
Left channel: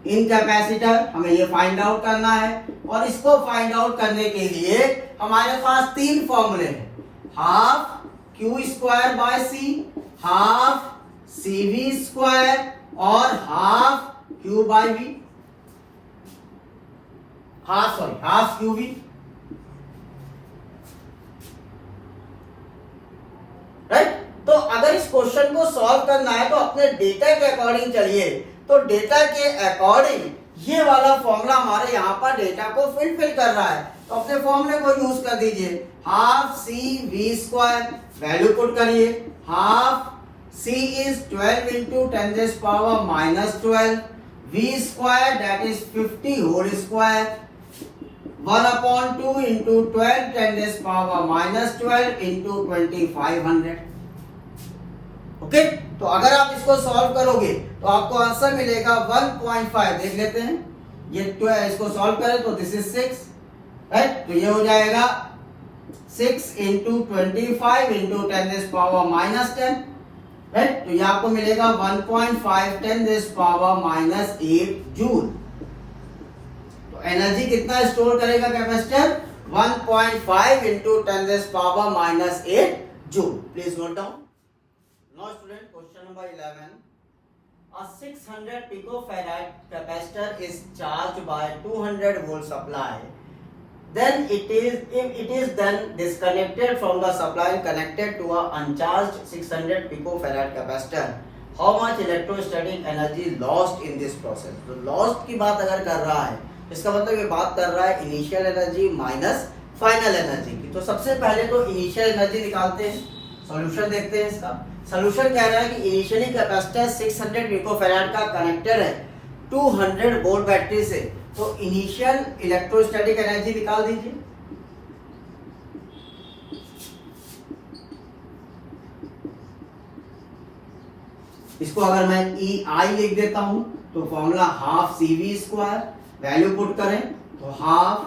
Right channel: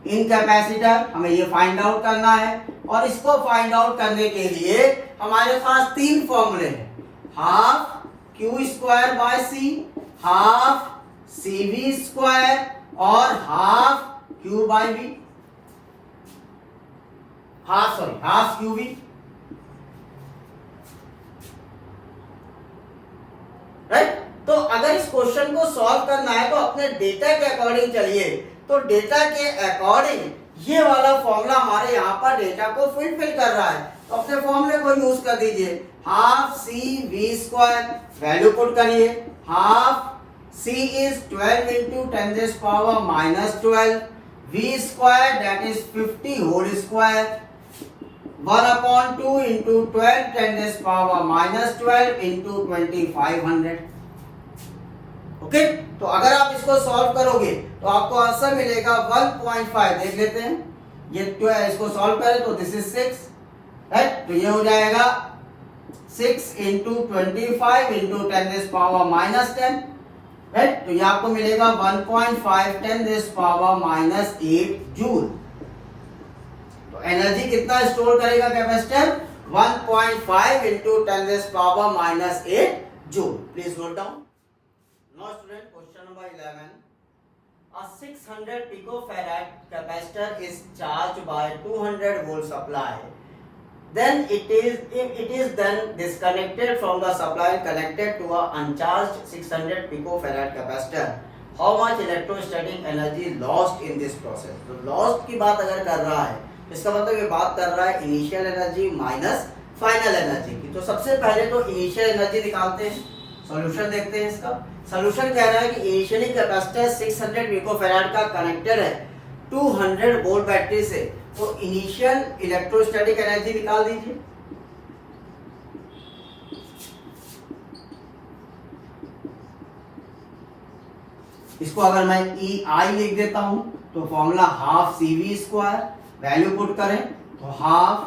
in capacitor, हमें ये फाइंड आउट करना है। और इसको फाइंड आउट करने के लिए हमारे पास तीन फॉर्मूले हैं, half Q square by C, half C V square और half Q by V, half Q V. Right. तो अगर इस क्वेश्चन को सॉल्व करना है तो अपने डेटा के अकॉर्डिंग चलिए। तो डेटा के अकॉर्डिंग ये वाला फॉर्मूला हमारे यहाँ पर डेटा को फुलफिल कर रहा है, तो अपने फॉर्मूले को यूज कर दीजिए। Half C V square, value put करिए। Half C is 12 into 10⁻⁻12, V square that is 50 whole square, 1/2 into 12 10⁻⁻12 into 2500। Okay, तो अगर आप इसको सॉल्व करोगे तो आपको आंसर मिलेगा 1.5। देख लेते हैं, ये इसको सॉल्व करें तो दिस इज 6, राइट। तो ये हो जाएगा 6 इंटू 25 इंटू 10⁻⁻10, राइट। तो ये आपको मिलेगा 1.5 10⁻⁻8 जूल। तो एनर्जी कितना स्टोर करेगा capacitor? 1.5 into 10⁻⁻8 joule. Please note down. Now student, question number 11. A 600 picofarad capacitor is charged by 200 volt supply. Then it is then disconnected from the supply and connected to a uncharged 600 picofarad capacitor. How much electrostatic energy lost in this process? तो lost की बात अगर कर रहा है, इसका मतलब ये बात कर रहा है initial energy minus final energy की। तो सबसे पहले तो इनिशियल एनर्जी निकालते हैं, सॉल्यूशन देखते हैं इसका। सॉल्यूशन कह रहा है कि इनिशियली कैपेसिटर 600 पिकोफैराड का कनेक्टेड है 200 वोल्ट बैटरी से, तो इनिशियल इलेक्ट्रोस्टैटिक एनर्जी निकाल दीजिए। इसको अगर मैं ई आई लिख देता हूं तो formula half C V square, value put करें तो half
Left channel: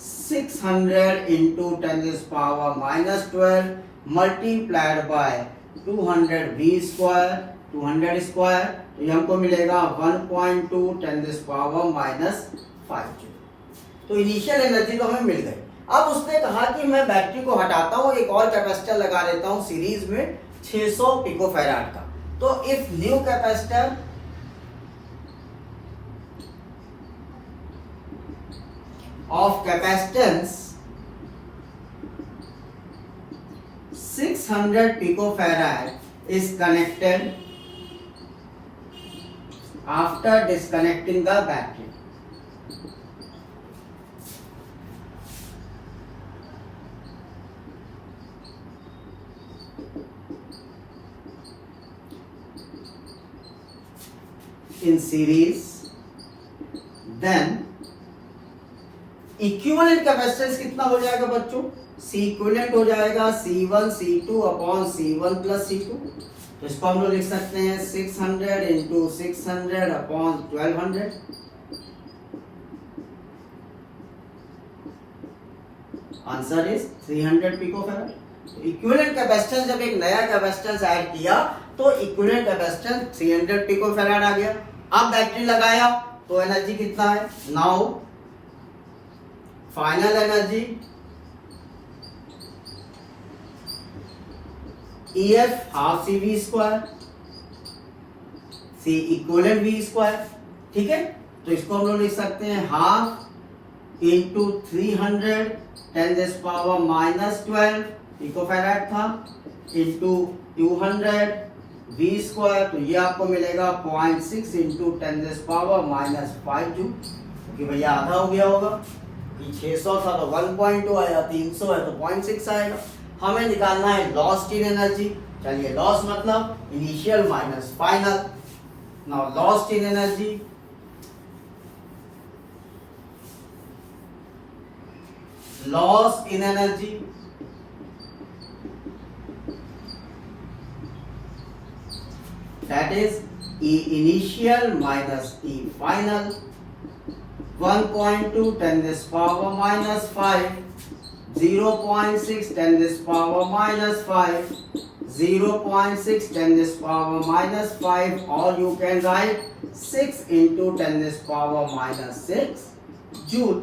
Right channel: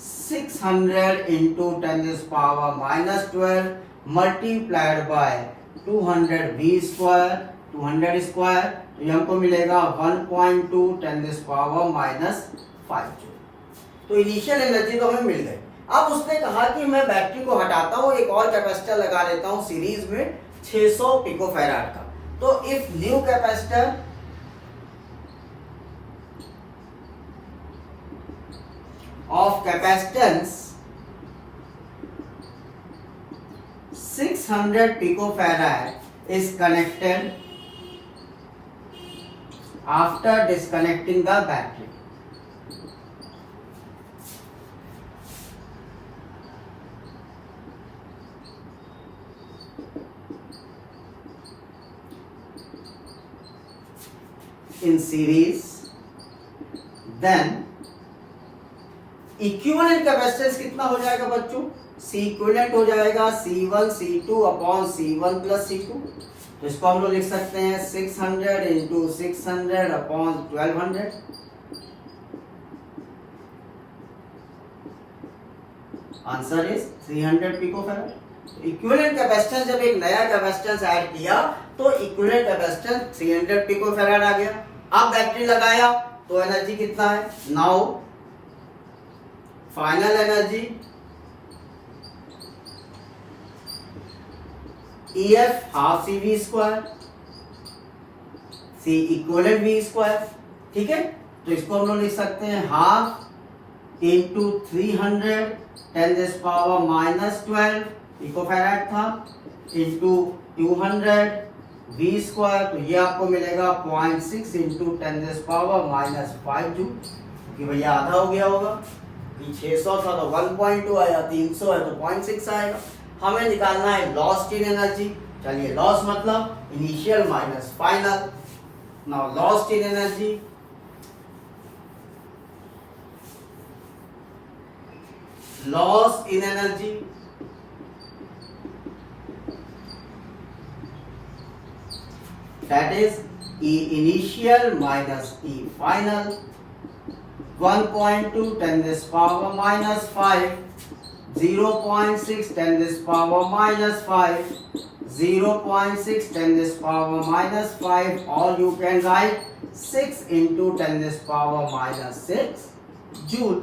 600 into 10⁻⁻12 multiplied by 200 V square, 200 square, तो ये हमको मिलेगा 1.2 10⁻⁻5। तो इनिशियल एनर्जी तो हमें मिल गई। अब उसने कहा कि मैं बैटरी को हटाता हूँ, एक और कैपेसिटर लगा लेता हूँ सीरीज में 600 पिकोफैराड का। तो if new capacitor of capacitance 600 picofarad is connected after disconnecting the battery. In series, then equivalent capacitance कितना हो जाएगा बच्चों? सी इक्विवेलेंट हो जाएगा C1 C2 upon C1 plus C2। तो इसको हम लोग लिख सकते हैं 600 into 600 upon 1200। Answer is 300 picofarad. Equivalent capacitance, जब एक नया कैपेसिटेंस ऐड किया तो इक्विवेलेंट कैपेसिटेंस 300 पिकोफैराड आ गया। अब बैटरी लगाया तो एनर्जी कितना है? Now final energy EF half C V square, C equivalent V square, ठीक है। तो इसको हम लोग लिख सकते हैं हाफ इंटू 300 10⁻⁻12 पिकोफैराड था इंटू 200 वी स्क्वायर, तो ये आपको मिलेगा 0.6 इंटू 10⁻⁻5 जूल, क्योंकि भैया आधा हो गया होगा। 600 था तो 1.2 आया, 300 है तो 0.6 आएगा। हमें निकालना है लॉस्ट इन एनर्जी। चलिए, लॉस मतलब initial minus final. Now lost in energy, loss in energy that is E initial minus E final, 1.2 10 this power minus 5, 0.6 10 this power minus 5, 0.6 10 this power minus 5, or you can write 6 into 10 this power minus 6 joule.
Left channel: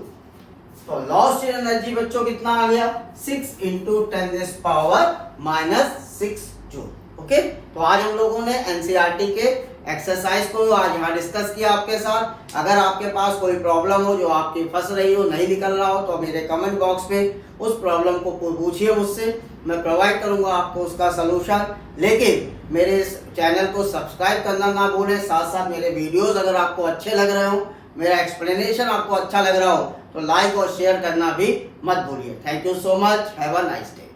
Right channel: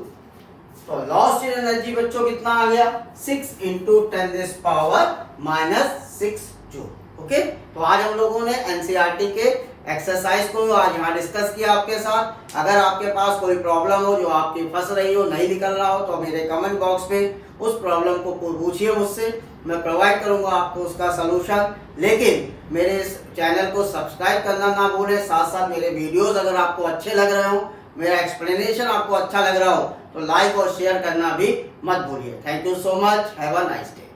तो lost in energy बच्चों कितना आ गया 6 into 10 this power minus 6 joule. Okay, तो आज हम लोगों ने NCERT के एक्सरसाइज को आज यहाँ डिस्कस किया आपके साथ। अगर आपके पास कोई प्रॉब्लम हो जो आपकी फंस रही हो, नहीं निकल रहा हो, तो मेरे कमेंट बॉक्स में उस प्रॉब्लम को पूछिए मुझसे, मैं प्रोवाइड करूंगा आपको उसका सलूशन। लेकिन मेरे इस चैनल को सब्सक्राइब करना ना भूलें। साथ साथ मेरे वीडियोस अगर आपको अच्छे लग रहे हो, मेरा एक्सप्लेनेशन आपको अच्छा लग रहा हो, तो लाइक और शेयर करना भी मत भूलिए। Thank you so much, have a nice day.